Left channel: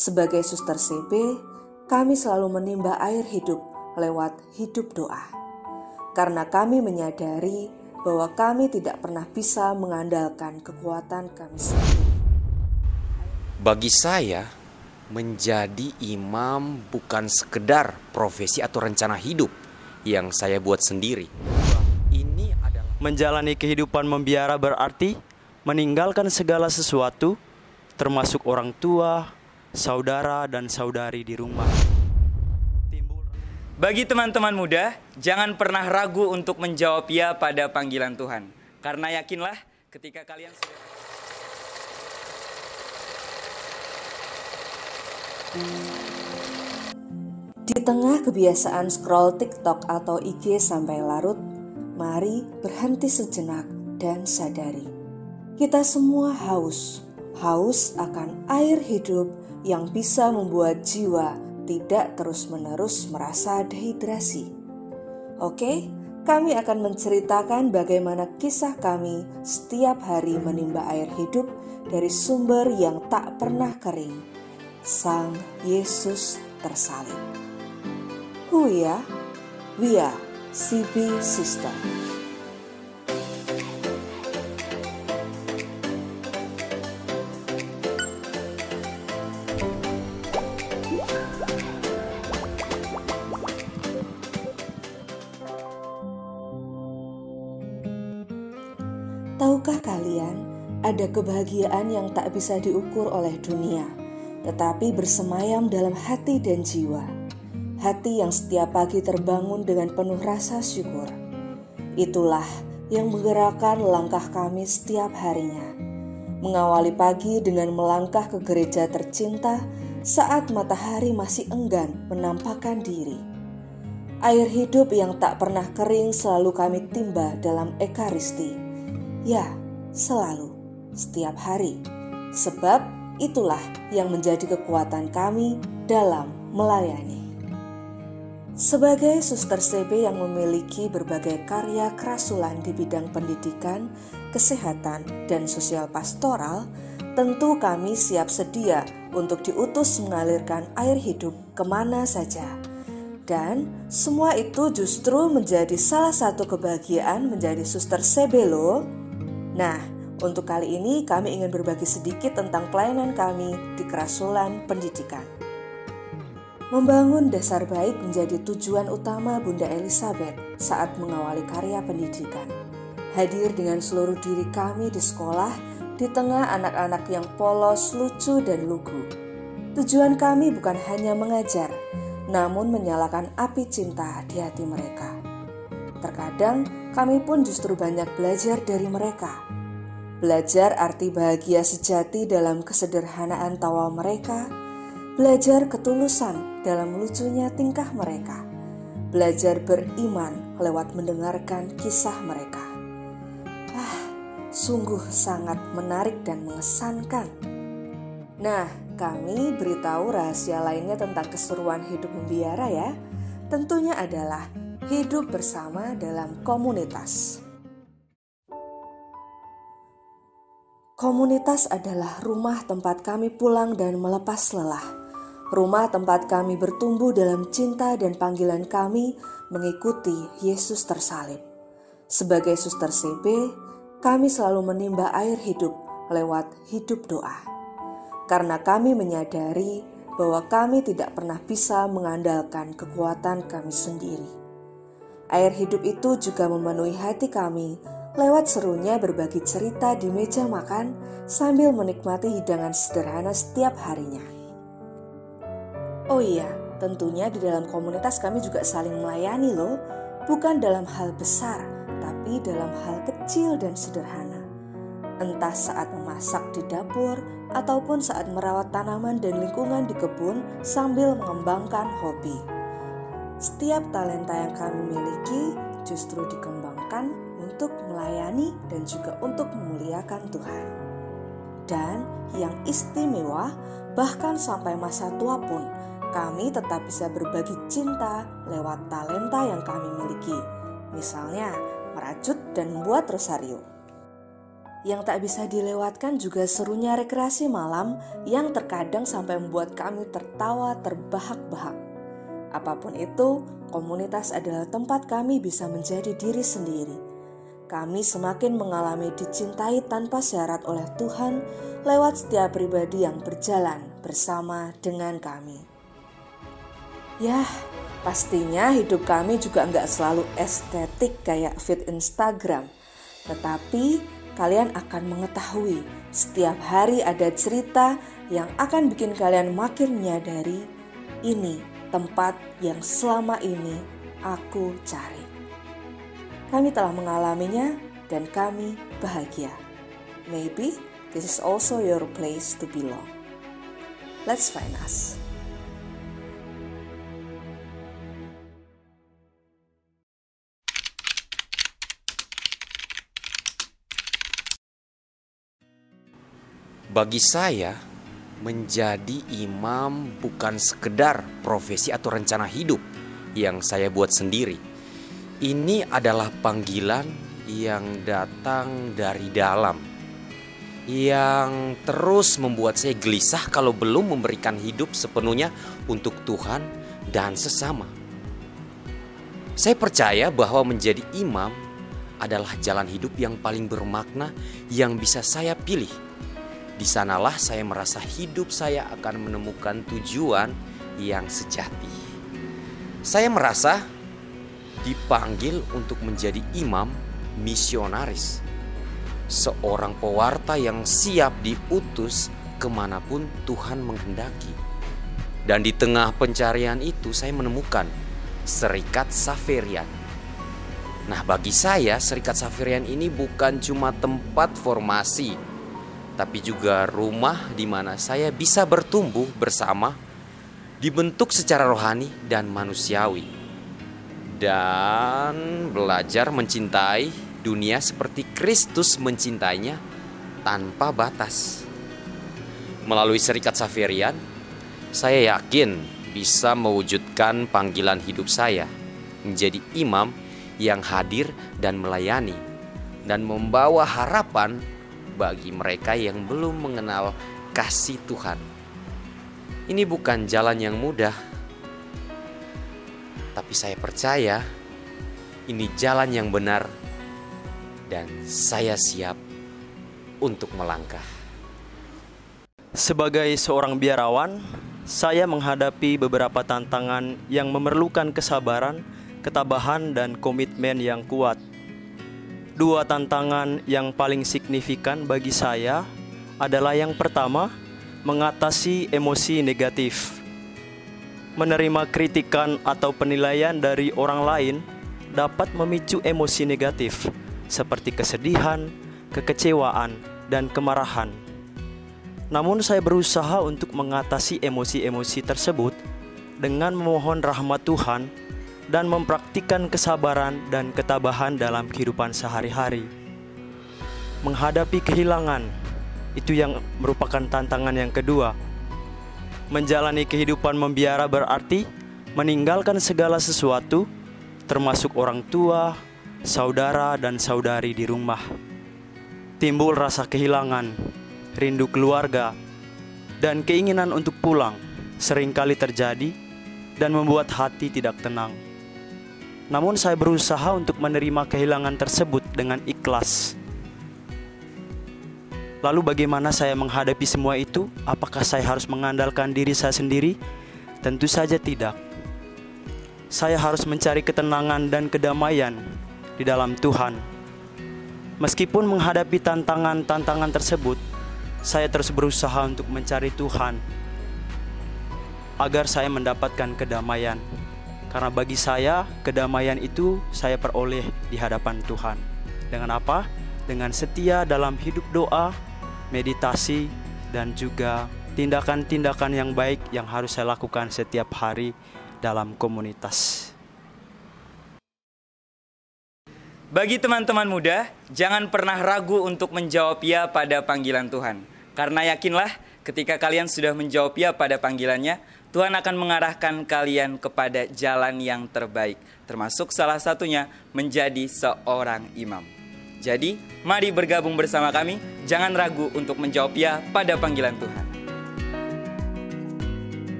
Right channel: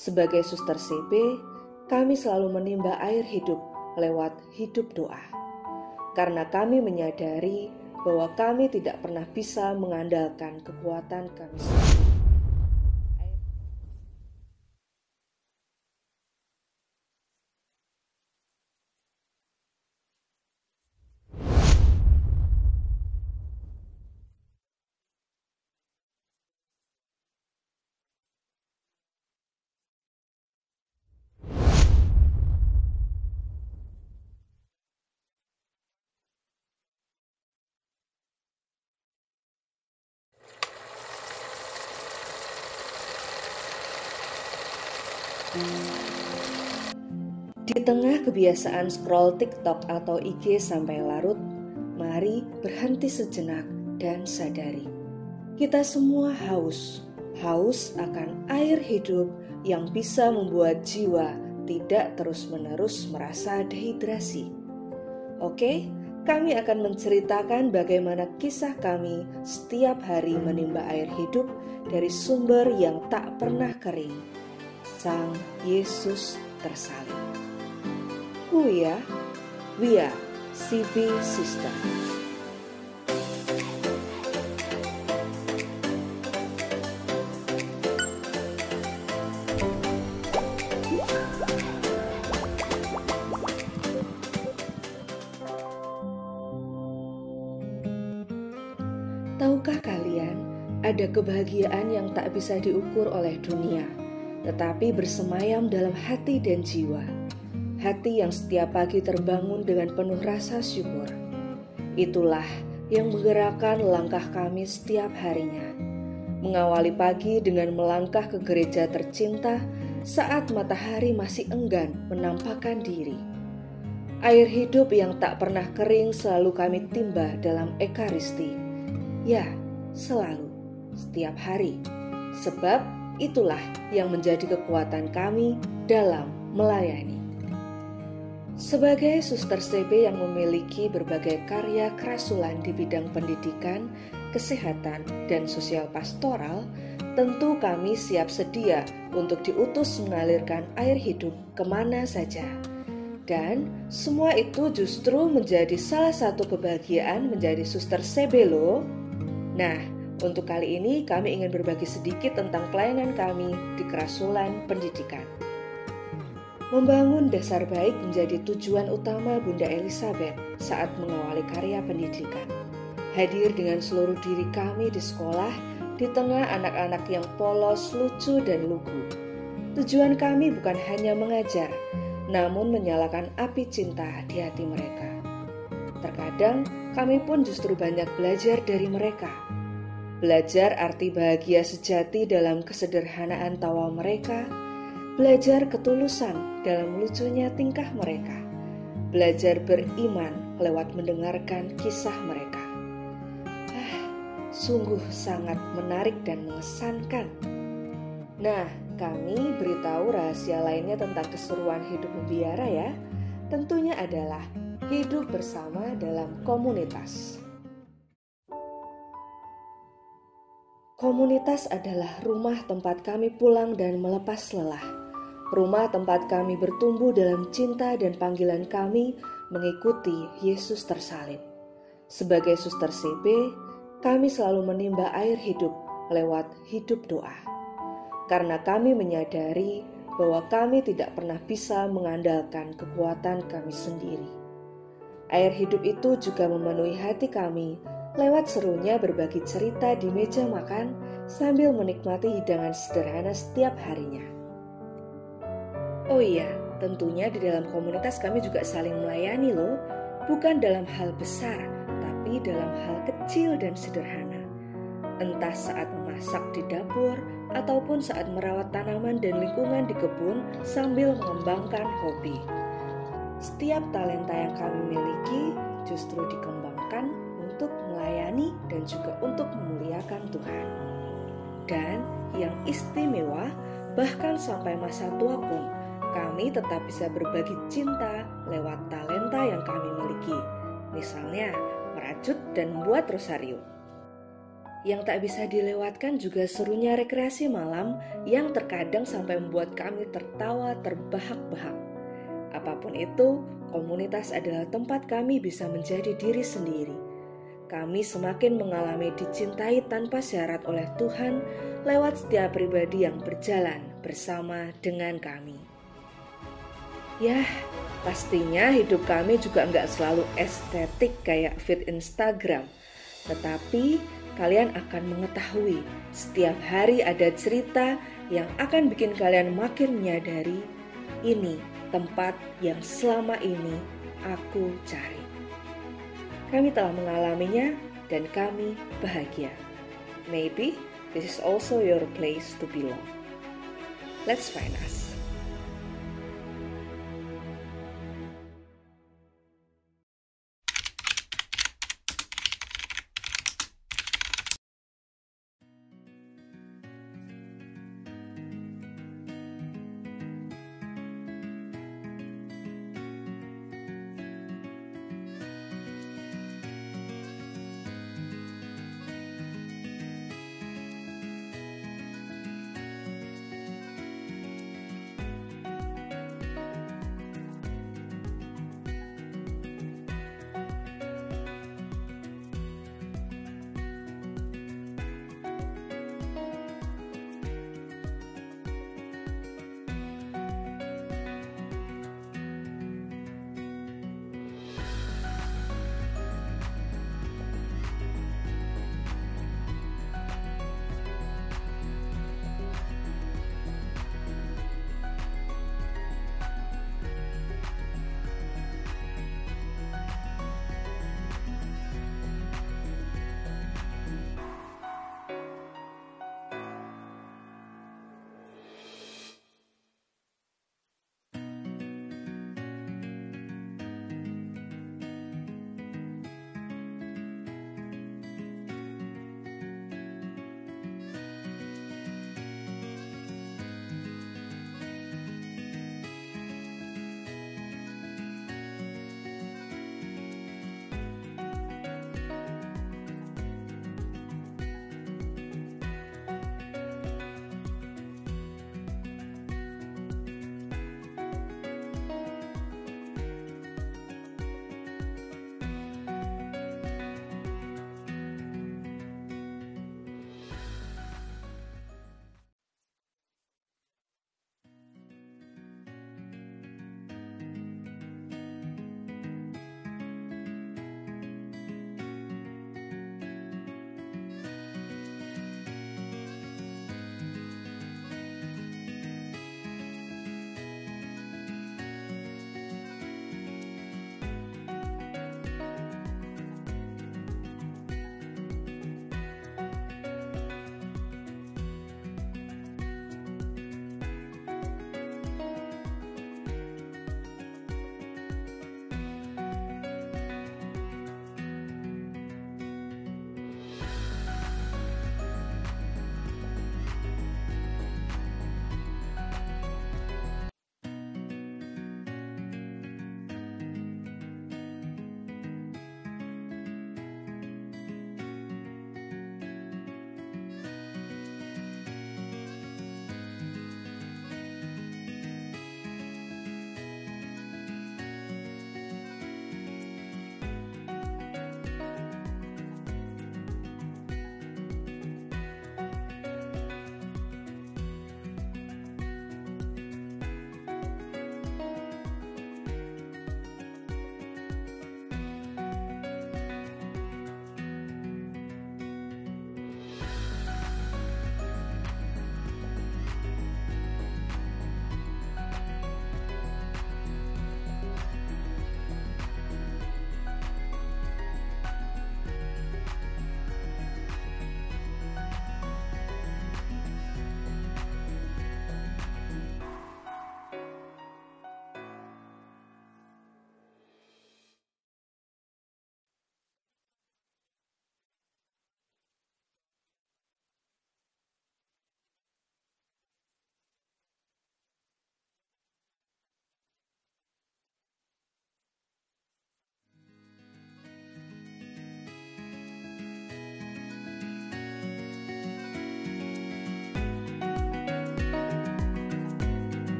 Sebagai suster CB, kami selalu menimba air hidup lewat hidup doa. Karena kami menyadari bahwa kami tidak pernah bisa mengandalkan kekuatan kami sendiri. Bagi saya, menjadi imam bukan sekedar profesi atau rencana hidup yang saya buat sendiri. Ini adalah menjalani kehidupan membiara berarti meninggalkan segala sesuatu, termasuk orang tua, saudara, dan saudari di rumah. Bagi teman-teman muda, jangan pernah ragu untuk menjawab ya pada panggilan Tuhan. Karena yakinlah ketika kalian... Di tengah kebiasaan scroll TikTok atau IG sampai larut, mari berhenti sejenak dan sadari. Kita semua haus akan air hidup yang bisa membuat jiwa tidak terus-menerus merasa dehidrasi. Oke, kami akan menceritakan bagaimana kisah kami setiap hari menimba air hidup dari sumber yang tak pernah kering, Sang Yesus tersalib. We are CB Sister. Tahukah kalian, ada kebahagiaan yang tak bisa diukur oleh dunia, tetapi bersemayam dalam hati dan jiwa. Hati yang setiap pagi terbangun dengan penuh rasa syukur. Itulah yang menggerakkan langkah kami setiap harinya. Mengawali pagi dengan melangkah ke gereja tercinta saat matahari masih enggan menampakkan diri. Air hidup yang tak pernah kering selalu kami timba dalam ekaristi. Ya, selalu, setiap hari. Sebab itulah yang menjadi kekuatan kami dalam melayani. Sebagai suster CB yang memiliki berbagai karya kerasulan di bidang pendidikan, kesehatan, dan sosial pastoral, tentu kami siap sedia untuk diutus mengalirkan air hidup kemana saja. Dan semua itu justru menjadi salah satu kebahagiaan menjadi suster CB loh. Nah, untuk kali ini kami ingin berbagi sedikit tentang pelayanan kami di kerasulan pendidikan. Membangun dasar baik menjadi tujuan utama Bunda Elizabeth saat mengawali karya pendidikan. Hadir dengan seluruh diri kami di sekolah, di tengah anak-anak yang polos, lucu, dan lugu. Tujuan kami bukan hanya mengajar, namun menyalakan api cinta di hati mereka. Terkadang kami pun justru banyak belajar dari mereka. Belajar arti bahagia sejati dalam kesederhanaan tawa mereka, belajar ketulusan dalam lucunya tingkah mereka, belajar beriman lewat mendengarkan kisah mereka. Sungguh sangat menarik dan mengesankan. Nah, kami beritahu rahasia lainnya tentang keseruan hidup membiara ya. Tentunya adalah hidup bersama dalam komunitas. Komunitas adalah rumah tempat kami pulang dan melepas lelah. Rumah tempat kami bertumbuh dalam cinta dan panggilan kami mengikuti Yesus tersalib. Sebagai suster CB, kami selalu menimba air hidup lewat hidup doa. Karena kami menyadari bahwa kami tidak pernah bisa mengandalkan kekuatan kami sendiri. Air hidup itu juga memenuhi hati kami lewat serunya berbagi cerita di meja makan sambil menikmati hidangan sederhana setiap harinya. Oh iya, tentunya di dalam komunitas kami juga saling melayani loh, bukan dalam hal besar, tapi dalam hal kecil dan sederhana. Entah saat memasak di dapur, ataupun saat merawat tanaman dan lingkungan di kebun sambil mengembangkan hobi. Setiap talenta yang kami miliki justru dikembangkan untuk melayani dan juga untuk memuliakan Tuhan. Dan yang istimewa, bahkan sampai masa tua pun, kami tetap bisa berbagi cinta lewat talenta yang kami miliki. Misalnya, merajut dan membuat rosario. Yang tak bisa dilewatkan juga serunya rekreasi malam yang terkadang sampai membuat kami tertawa terbahak-bahak. Apapun itu, komunitas adalah tempat kami bisa menjadi diri sendiri. Kami semakin mengalami dicintai tanpa syarat oleh Tuhan lewat setiap pribadi yang berjalan bersama dengan kami. Yah, pastinya hidup kami juga nggak selalu estetik kayak feed Instagram. Tetapi kalian akan mengetahui setiap hari ada cerita yang akan bikin kalian makin menyadari ini tempat yang selama ini aku cari. Kami telah mengalaminya dan kami bahagia. Maybe this is also your place to belong. Let's find us. Bagi saya, menjadi imam bukan sekedar profesi atau rencana hidup yang saya buat sendiri. Ini adalah panggilan yang datang dari dalam, yang terus membuat saya gelisah kalau belum memberikan hidup sepenuhnya untuk Tuhan dan sesama. Saya percaya bahwa menjadi imam adalah jalan hidup yang paling bermakna yang bisa saya pilih. Di sanalah saya merasa hidup saya akan menemukan tujuan yang sejati. Saya merasa dipanggil untuk menjadi imam misionaris, seorang pewarta yang siap diutus kemanapun Tuhan menghendaki. Dan di tengah pencarian itu saya menemukan Serikat Xaverian. Nah, bagi saya Serikat Xaverian ini bukan cuma tempat formasi, tapi juga rumah di mana saya bisa bertumbuh bersama, dibentuk secara rohani dan manusiawi, dan belajar mencintai dunia seperti Kristus mencintainya tanpa batas. Melalui Serikat Xaverian, saya yakin bisa mewujudkan panggilan hidup saya menjadi imam yang hadir dan melayani dan membawa harapan bagi mereka yang belum mengenal kasih Tuhan. Ini bukan jalan yang mudah, tapi saya percaya ini jalan yang benar dan saya siap untuk melangkah. Sebagai seorang biarawan, saya menghadapi beberapa tantangan yang memerlukan kesabaran, ketabahan, dan komitmen yang kuat. Dua tantangan yang paling signifikan bagi saya adalah yang pertama, mengatasi emosi negatif. Menerima kritikan atau penilaian dari orang lain dapat memicu emosi negatif seperti kesedihan, kekecewaan, dan kemarahan. Namun saya berusaha untuk mengatasi emosi-emosi tersebut dengan memohon rahmat Tuhan dan mempraktikkan kesabaran dan ketabahan dalam kehidupan sehari-hari. Menghadapi kehilangan, itu yang merupakan tantangan yang kedua. Menjalani kehidupan membiara berarti meninggalkan segala sesuatu, termasuk orang tua, saudara, dan saudari di rumah. Timbul rasa kehilangan, rindu keluarga, dan keinginan untuk pulang seringkali terjadi dan membuat hati tidak tenang. Namun saya berusaha untuk menerima kehilangan tersebut dengan ikhlas. Lalu bagaimana saya menghadapi semua itu? Apakah saya harus mengandalkan diri saya sendiri? Tentu saja tidak. Saya harus mencari ketenangan dan kedamaian di dalam Tuhan. Meskipun menghadapi tantangan-tantangan tersebut, saya terus berusaha untuk mencari Tuhan agar saya mendapatkan kedamaian. Karena bagi saya, kedamaian itu saya peroleh di hadapan Tuhan. Dengan apa? Dengan setia dalam hidup doa, meditasi, dan juga tindakan-tindakan yang baik yang harus saya lakukan setiap hari dalam komunitas. Bagi teman-teman muda, jangan pernah ragu untuk menjawab ya pada panggilan Tuhan. Karena yakinlah, ketika kalian sudah menjawab ya pada panggilannya, Tuhan akan mengarahkan kalian kepada jalan yang terbaik, termasuk salah satunya menjadi seorang imam. Jadi, mari bergabung bersama kami. Jangan ragu untuk menjawab ya pada panggilan Tuhan.